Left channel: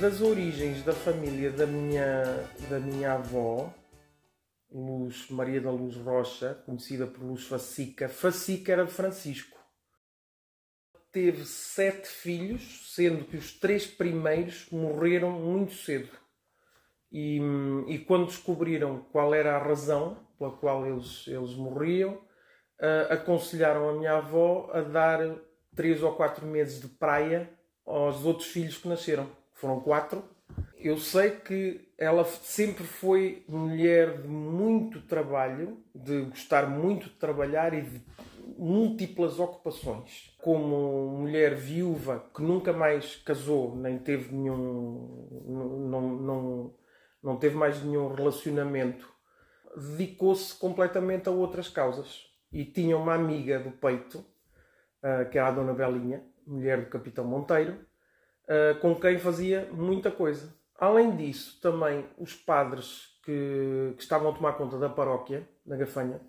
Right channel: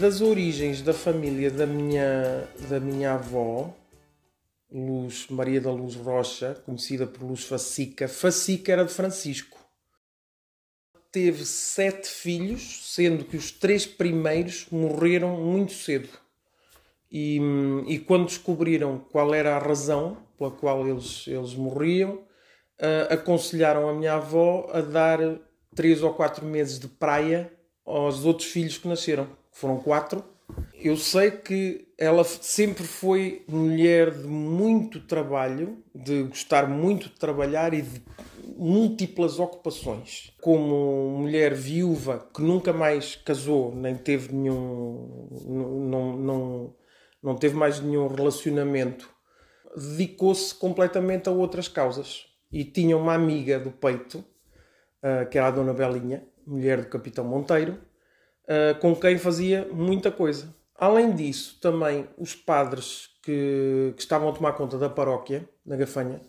Das origens da família da minha avó, Luz Maria da Luz Rocha, conhecida por Luz Facica. Facica era de Francisco. Teve 7 filhos, sendo que os 3 primeiros morreram muito cedo. E quando descobriram qual era a razão pela qual eles morriam, aconselharam a minha avó a dar 3 ou 4 meses de praia aos outros filhos que nasceram. Foram 4. Eu sei que ela sempre foi mulher de muito trabalho, de gostar muito de trabalhar e de múltiplas ocupações. Como mulher viúva que nunca mais casou, nem teve não teve mais nenhum relacionamento, dedicou-se completamente a outras causas. E tinha uma amiga do peito, que era a Dona Belinha, mulher do Capitão Monteiro, com quem fazia muita coisa. Além disso, também os padres que estavam a tomar conta da paróquia, na Gafanha,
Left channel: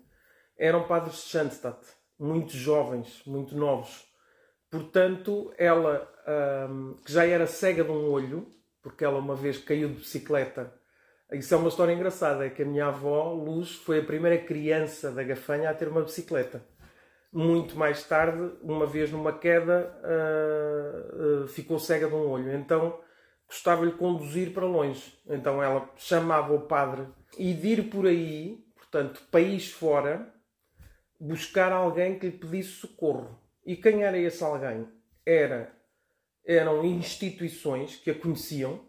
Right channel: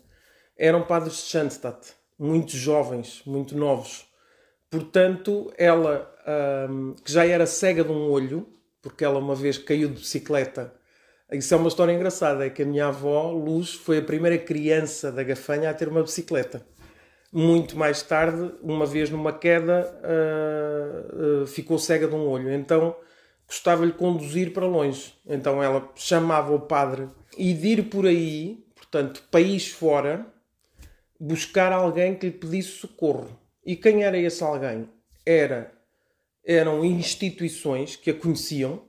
eram padres de Schanstatt, muito jovens, muito novos. Portanto, ela, que já era cega de um olho, porque ela uma vez caiu de bicicleta. Isso é uma história engraçada, é que a minha avó, Luz, foi a primeira criança da Gafanha a ter uma bicicleta. Muito mais tarde, uma vez numa queda, ficou cega de um olho. Então, gostava-lhe conduzir para longe. Então, ela chamava o padre e de ir por aí, portanto, país fora, buscar alguém que lhe pedisse socorro. E quem era esse alguém? Eram instituições que a conheciam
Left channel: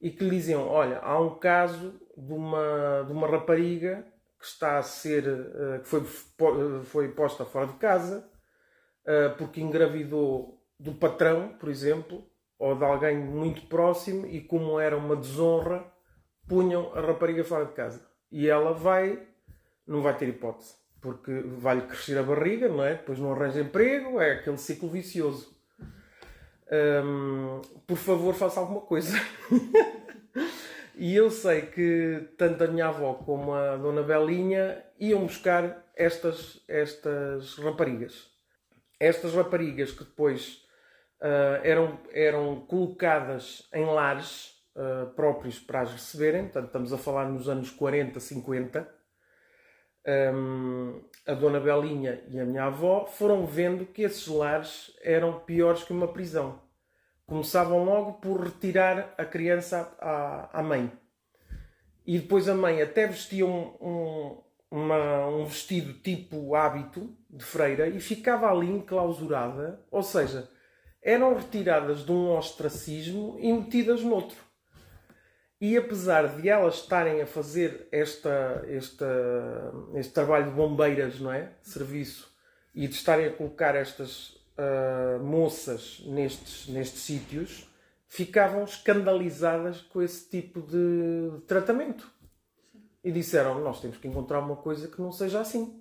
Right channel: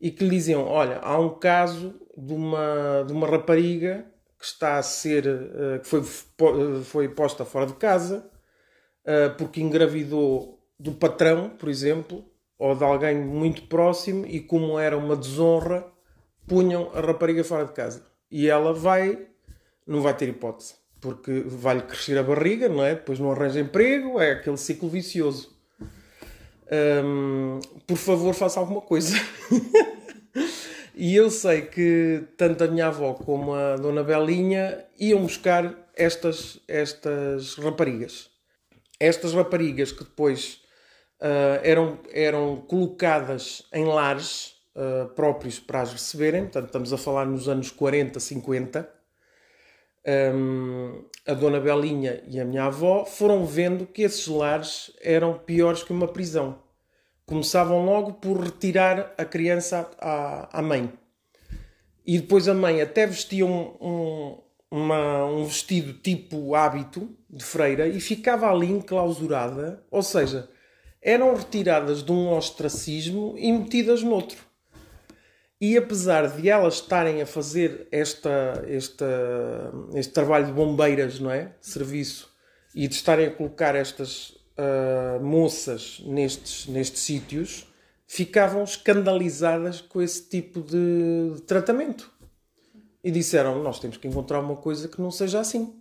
e que lhe diziam: olha, há um caso de uma rapariga que está a ser, que foi posta fora de casa, porque engravidou do patrão, por exemplo, ou de alguém muito próximo, e como era uma desonra, punham a rapariga fora de casa. E ela não vai ter hipótese, porque vai-lhe crescer a barriga, não é? Depois não arranja emprego, é aquele ciclo vicioso. Por favor, faça alguma coisa. E eu sei que tanto a minha avó como a Dona Belinha iam buscar estas raparigas. Estas raparigas que depois eram colocadas em lares próprios para as receberem. Portanto, estamos a falar nos anos 40, 50. A Dona Belinha e a minha avó foram vendo que esses lares eram piores que uma prisão. Começavam logo por retirar a criança à mãe. E depois a mãe até vestia um vestido tipo hábito de freira e ficava ali enclausurada. Ou seja, eram retiradas de um ostracismo e metidas noutro. E apesar de elas estarem a fazer este trabalho de bombeiras, não é? Serviço, e de estarem a colocar estas moças nestes sítios, ficavam escandalizadas com esse tipo de tratamento. E disseram: nós temos que encontrar uma coisa que não seja assim.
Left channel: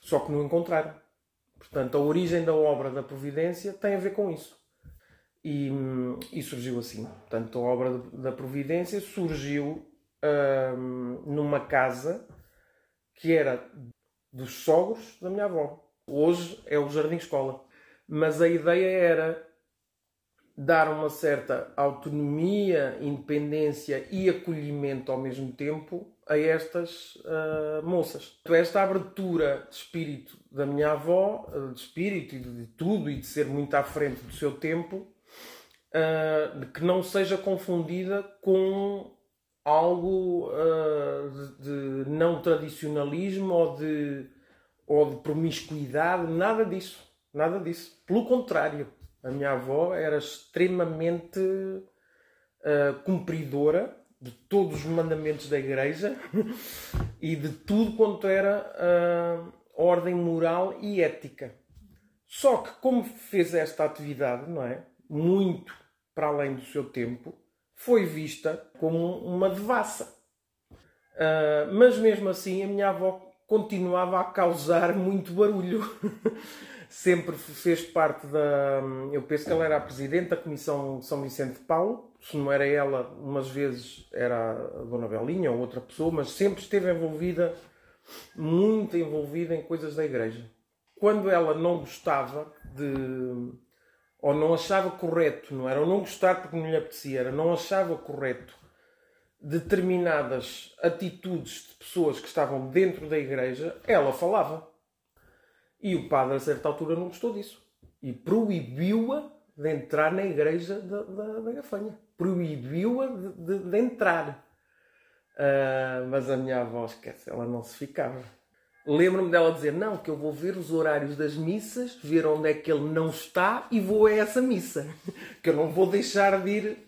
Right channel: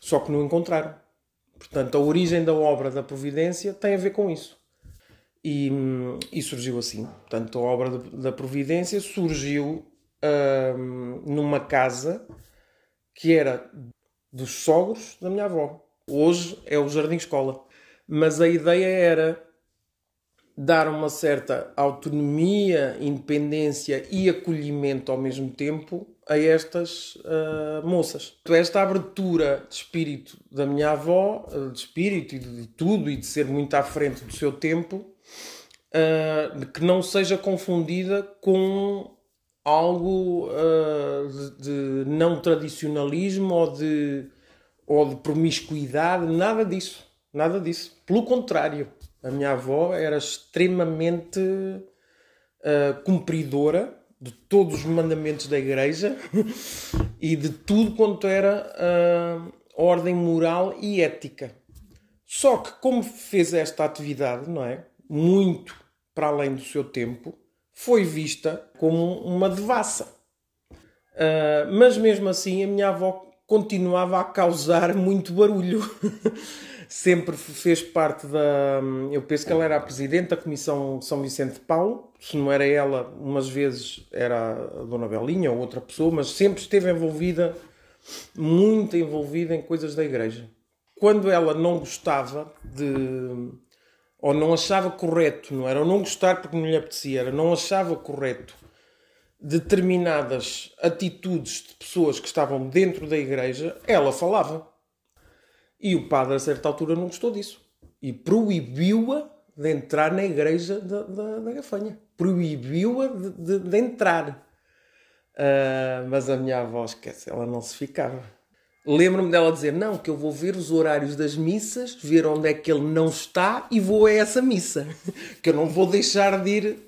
Só que não encontraram. Portanto, a origem da obra da Providência tem a ver com isso. E surgiu assim. Portanto, a obra da Providência surgiu numa casa que era dos sogros da minha avó. Hoje é o Jardim Escola. Mas a ideia era dar uma certa autonomia, independência e acolhimento ao mesmo tempo a estas moças. Esta abertura de espírito da minha avó, de espírito e de tudo, e de ser muito à frente do seu tempo, que não seja confundida com algo de não tradicionalismo ou de promiscuidade, nada disso. Nada disso. Pelo contrário, a minha avó era extremamente cumpridora de todos os mandamentos da igreja e de tudo quanto era ordem moral e ética. Só que como fez esta atividade, não é? Muito para além do seu tempo, foi vista como uma devassa. Mas mesmo assim a minha avó continuava a causar muito barulho. Sempre fez parte eu penso que ela era a presidente da Comissão São Vicente de Paulo. Se não era ela, umas vezes era a Dona Belinha ou outra pessoa, mas sempre esteve muito envolvida em coisas da igreja. Quando ela não gostava ou não achava correto, não era não gostar porque não lhe apetecia, era não achava correto determinadas atitudes de pessoas que estavam dentro da igreja, ela falava. E o padre, a certa altura, não gostou disso. E proibiu-a de entrar na igreja da Gafanha. Proibiu-a de entrar. Mas a minha avó, esquece, ela não se ficava. Lembro-me dela dizer, não, que eu vou ver os horários das missas, ver onde é que ele não está e vou a essa missa. Que eu não vou deixar de ir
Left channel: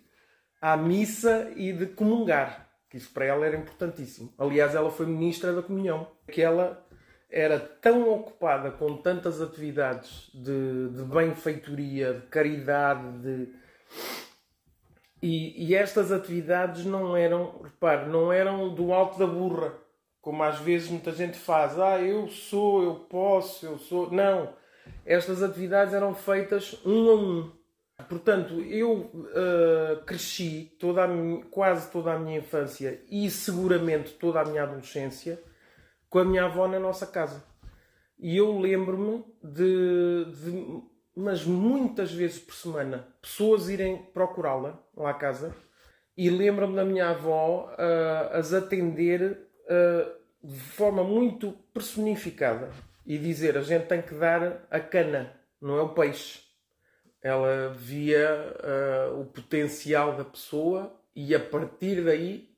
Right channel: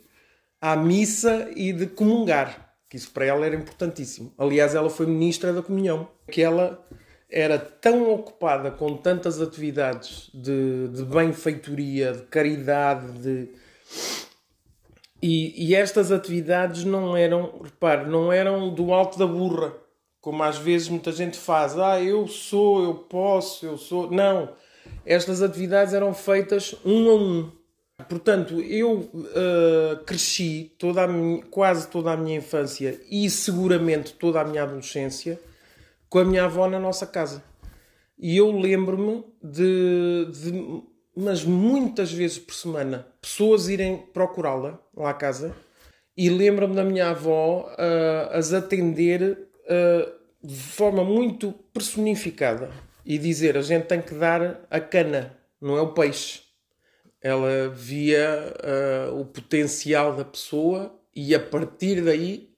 à missa e de comungar. Que isso para ela era importantíssimo. Aliás, ela foi ministra da comunhão. Que ela era tão ocupada com tantas atividades de benfeitoria, de caridade, E estas atividades não eram, repare, não eram do alto da burra, como às vezes muita gente faz. Eu sou, eu posso, eu sou... Não. Estas atividades eram feitas um a um. Portanto, eu cresci quase toda a minha infância e seguramente toda a minha adolescência com a minha avó na nossa casa. E eu lembro-me mas muitas vezes por semana, pessoas irem procurá-la lá à casa e lembro-me da minha avó as atender de forma muito personificada e dizer, a gente tem que dar a cana, não é o peixe. Ela via o potencial da pessoa e a partir daí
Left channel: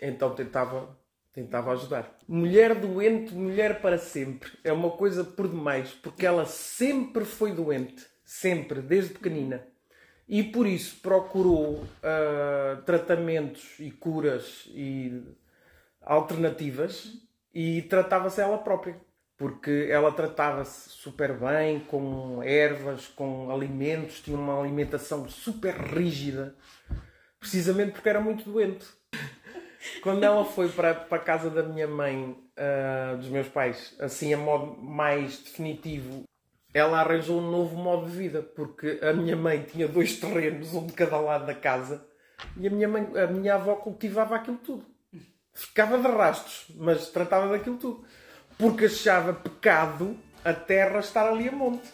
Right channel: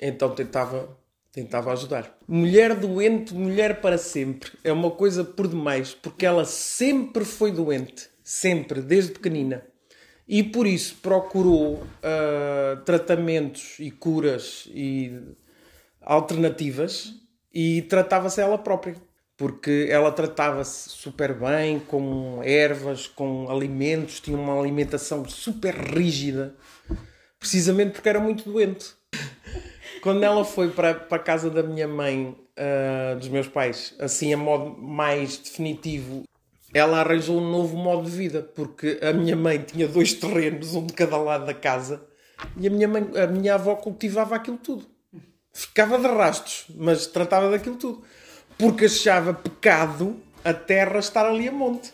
então tentava ajudar. Mulher doente, mulher para sempre. É uma coisa por demais, porque ela sempre foi doente. Sempre, desde pequenina. E por isso procurou tratamentos e curas e alternativas e tratava-se ela própria. Porque ela tratava-se super bem, com ervas, com alimentos, tinha uma alimentação super rígida. Precisamente porque era muito doente. Quando ela foi para a casa da minha mãe, dos meus pais, assim a modo mais definitivo, ela arranjou um novo modo de vida, porque a minha mãe tinha 2 terrenos, um de cada lado da casa, e a minha avó cultivava aquilo tudo. Ficava de rastros, mas tratava daquilo tudo. Porque achava pecado a terra estar ali a monte.